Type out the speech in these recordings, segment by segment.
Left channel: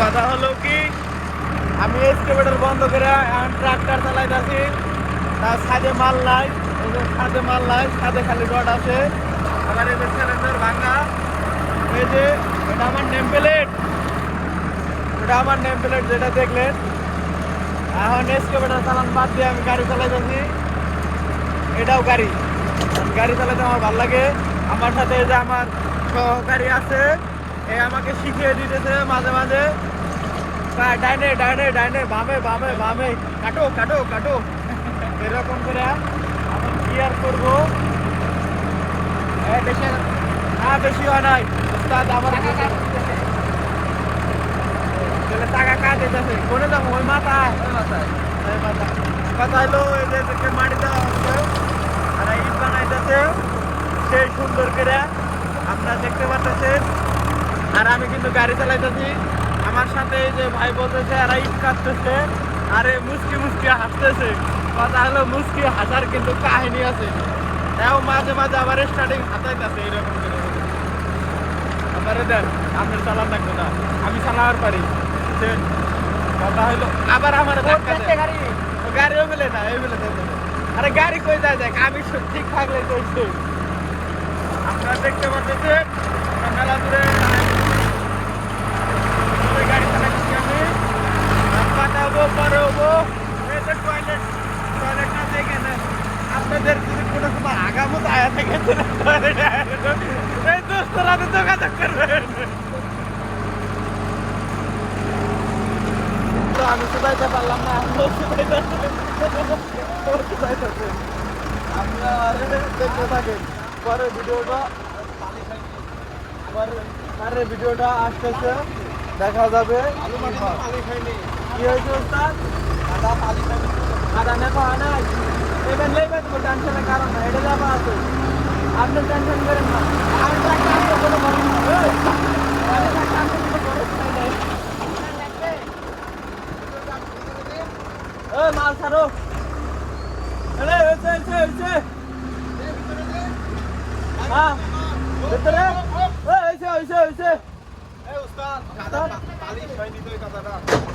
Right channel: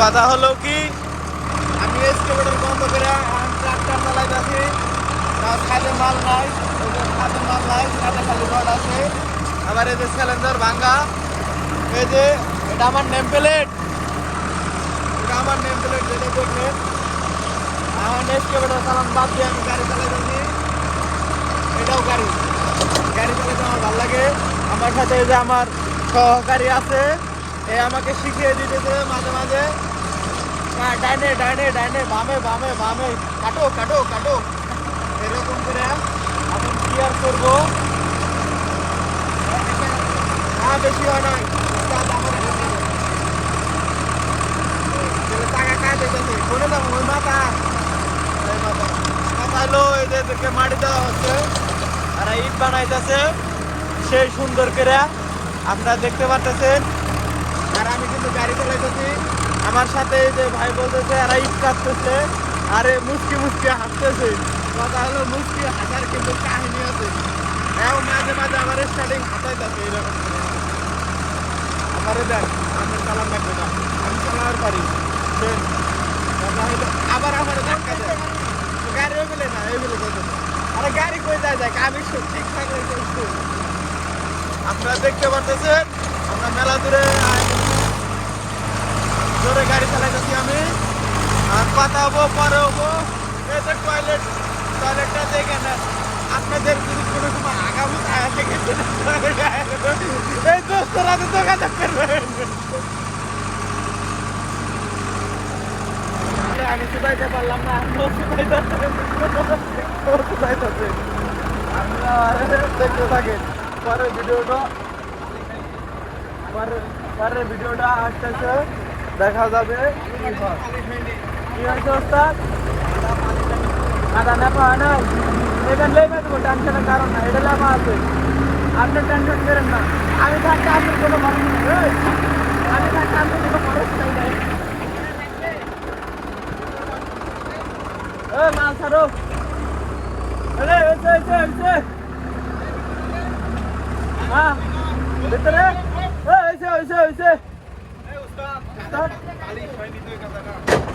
কথা হলো কি, আমি এক্সকেভেটর বন্ধ করে ট্রাক্টর চালাইতেছি, তার ছাদে মাল নাই। এই যে ছাদে মাল নাই, ছাদে খালি রড আছে। আমার এই যে সিলিন্ডার ভাঙা, এই যে এটা আমার নেম প্লেট, এটা আমার নেম প্লেট যেটা দেখলেন। এখন এক্সকেভেটর চালান বাদ দিয়ে আমি গাড়ি চালাইতেছি। এটাও গাড়ি, গাড়ি চালাতে আমার ভালো লাগে। আমার সাথে এই যে আমার সহকারী আছে, এই আমাকে শিখিয়ে দিতেছে মাঝে মাঝে, ডাইনে ডাইনে ডাইনে, বামে বামে বামে, কাটো কাটো কাটো, এরকম করে এখন ক্লিয়ার করবো। বেশি হয় নাই, আমার টাকা কাটাইতেছে, কোনে যাবো? ওই মাথা, ওই মাথা কথা হলো। এই যে মাটি দেওয়া হচ্ছে আর ইট বানাইতেছে সেই সুন্দর করে আপনারা দেখতে পাচ্ছেন। আর আমি কিন্তু গাড়ি চালাইতেছি, আমার সাথে এই যে ভাই বলতেছে আর ইট কাটতেছে, আর মুচকি মুচকি হাসতেছে। কথা হলো মুচকি হাসার কিন্তু কাহিনী আছে। এও মাঝে মাঝে আবার স্টার্টিং হাতাইতেছে এরকম করে। আমারও দেন, আপনার চালান লাগবে না, আমি চালাবার পারি। কথা হলো আবার আমার গাড়িও বলে না, এই বলে যাইতে। আরে গাড়ি কই যায় দেখ, আমি ঠিক থাকলে চলছে। আপনারা দেখতে পাচ্ছেন আমরা মেলা দূরে গাড়ি চালাইতেছি আমি। আর কথা হবো, পরে হবো। এই যে টয়লেটটা দেখে নেন। আপনাদের যদি কোনো সময় আগামত আয়া থাকে, এই দোস্তরা তো দোকানে করবেন। আমি শুধাইতে পারলাম না, আপনারা দেখতে থাকেন পরের ভিডিওটা। পরের ভিডিওটা আসতেছে, দেখা যাবে কি হয়েছে। আদা নেপা হয় নাই, এটা লেবে দেবো, টেনশনের কারণ না, এটা লেপা আছে। আপনি টেনশন করেন না, আমি থাকতে আপনি কোনো খরচ নাই, আমি থাকতে আপনি কোনো খরচ নাই। মাল ছাড়ো, হ্যাঁ ভিতরে হয়েছে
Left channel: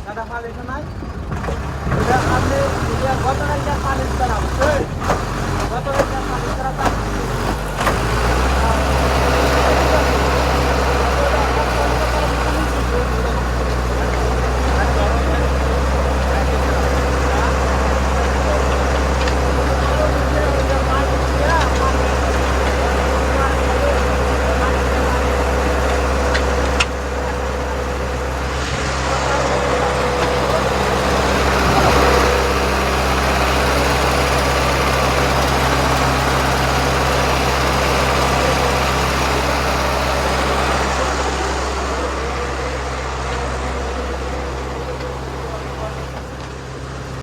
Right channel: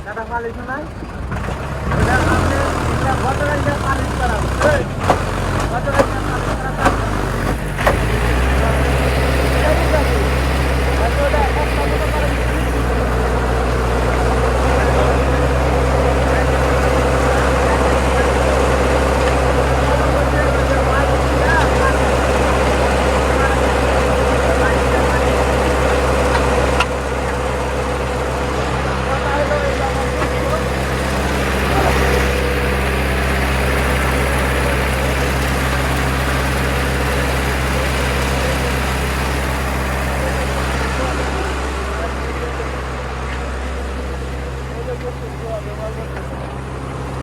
কাদা পালিশ নাই, ওইটা আপনি গতকালকে পালিশ করাবো, গতকালকে পালিশ করা।